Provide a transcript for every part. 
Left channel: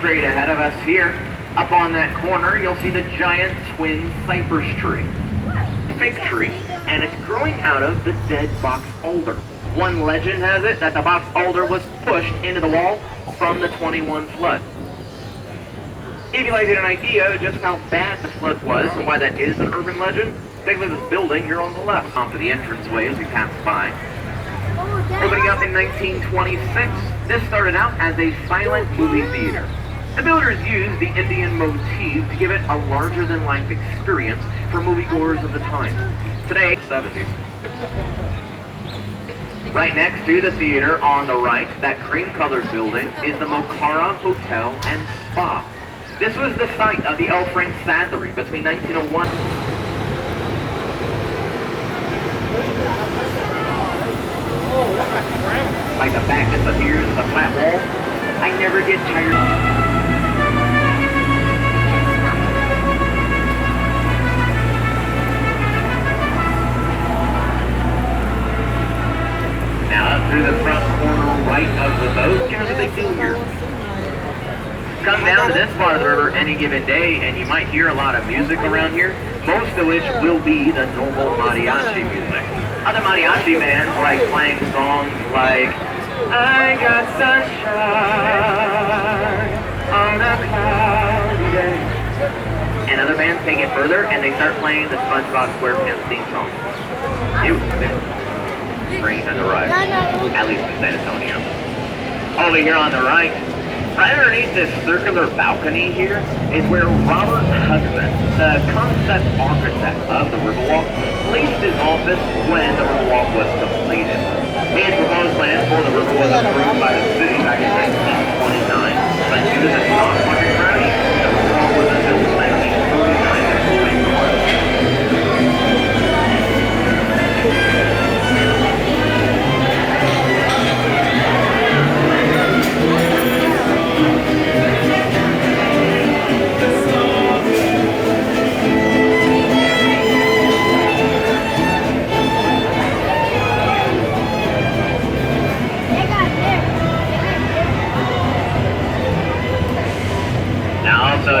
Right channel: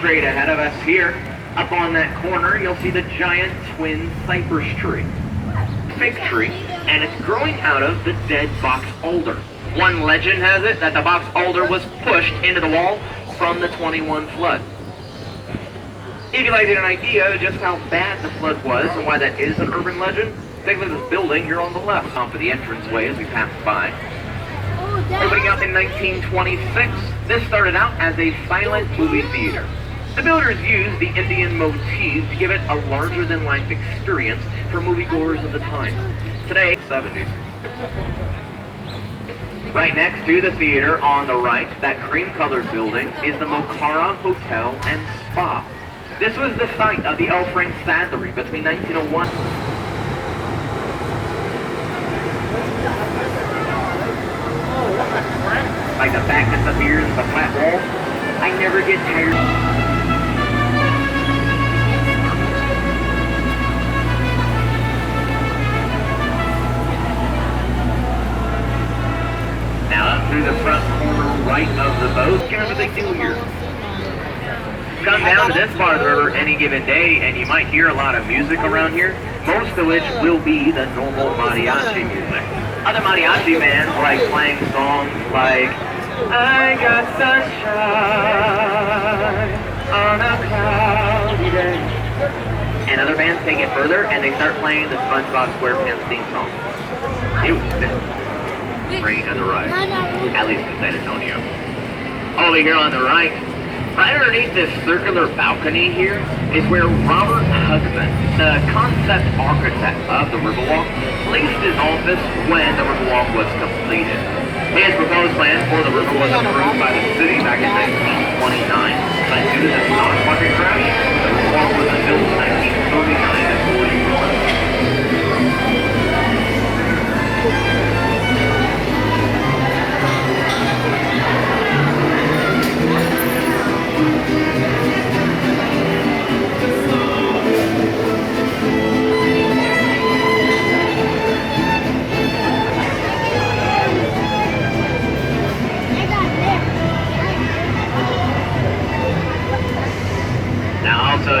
Straight ahead of us here, up on that corner, you'll see the giant twin cypress tree. Fig tree, and it's growing out of the dead box alder. One legend has it that the box alder was pushed into the wall from the 21 flood. If you'd like to get an idea of just how bad the flood was and why that is an urban legend, take a look at this building here on the left, for the entranceway as you pass by. Opening up in 1926, this started out as a silent movie theater. The builders used the Indian motif to give it a larger-than-life experience for moviegoers of the time. Today, 70s. Right next to the theater on the right, that cream-colored building, is the Mokhara Hotel and Spa. This was the site of the L. Frank Saddlery between 1901. Like the fact that the beers, the flat wall, I never get tired. Through the front corner right of the boat. Kind of a big deal here. Come down to this part of the river any given day and you might hear a lot of music around here, most of which will be the normal mariachi music. Other mariachi bands like playing songs like I got sunshine on a cloudy day. And other bands take it further and they start playing the SpongeBob SquarePants theme song. It was sick. Rain on the right, at least in San Antonio. Over here on the right underneath this circular balcony here, is where Robert Hudson, the concept architect of the Riverwalk, placed his office when the Riverwalk was completed. His proposed plan for the river was approved by the city back in 1929, but due to the stock market crash, the Riverwalk was unbuilt in 1949 and 45.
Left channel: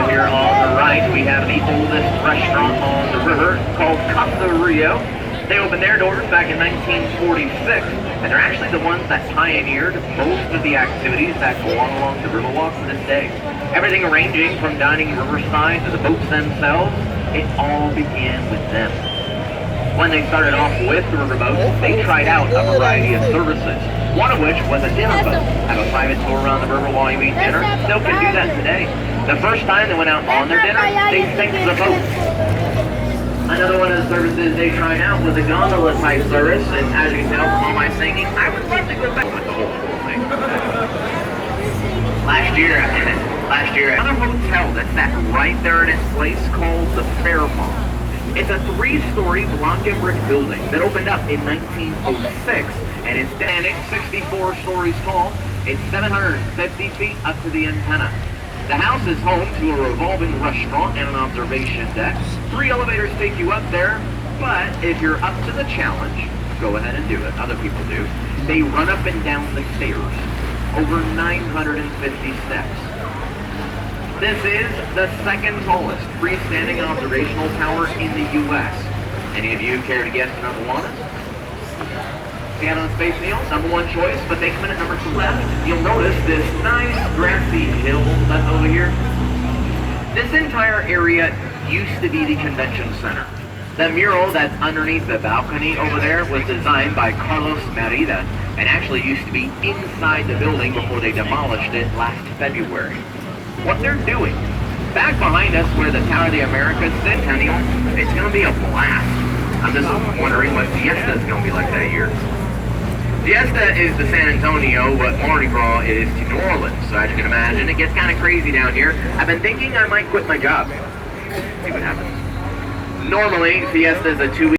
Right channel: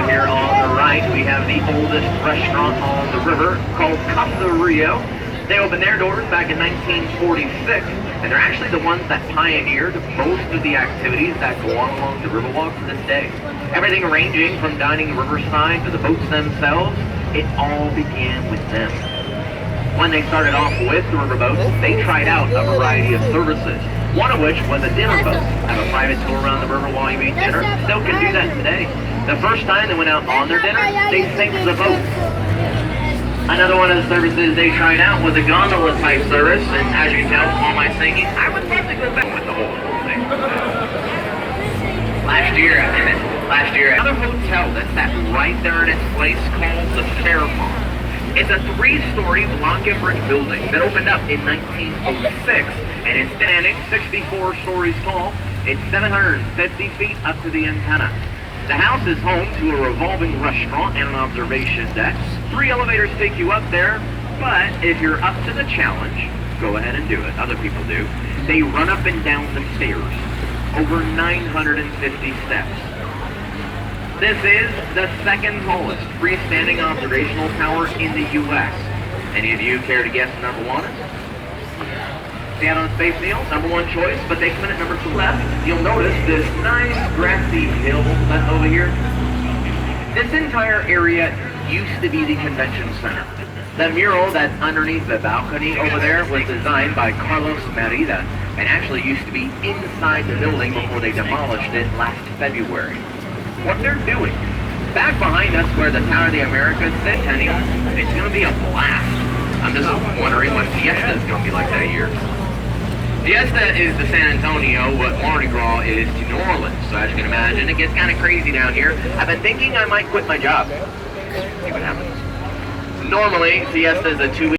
Here on the right, we have the oldest restaurant on the river called Casa Rio. They opened their doors back in 1946, and they're actually the ones that pioneered most of the activities that go on along the Riverwalk to this day. Everything ranging from dining riverside to the boats themselves, it all began with them. When they started off with the riverboats, they tried out a variety of services, one of which was a dinner boat. Have a private tour around the river while you eat dinner. Still can do that today. The first time they went out on their dinner, they sank the boat. Another one of the services they tried out was a gondola type service, and as you can tell from all my singing, I was practically back with the whole thing. Last year, another hotel that's right there in its place called the Fairmont. It's a 3-story block and brick building that opened up in 1906, and it's standing 64 stories tall. It's 750 feet up to the antenna. The house is home to a revolving restaurant and an observation deck. 3 elevators take you up there, but if you're up to the challenge, go ahead and do it. Other people do. They run up and down the stairs, over 950 steps. This is the second tallest freestanding observational tower in the U.S. Any of you care to guess the number one? Seattle Space Needle, number 1 choice, but they come in at number 2 left. You'll notice this nice grassy hill that's over here. This entire area used to be the convention center. The mural that's underneath the balcony over there was designed by Carlos Merida and actually used to be inside the building before they demolished it last February. What they're doing, back behind us where the Tower of the Americas Centennial, it's going to be a blast. I'm just wondering what Fiesta is going to be like that year. Fiesta is to San Antonio what Mardi Gras is to New Orleans, so as you can imagine, it gets kind of crazy down here. I've been thinking I might quit my job. See what happens. Normally, Fiesta is a 2-week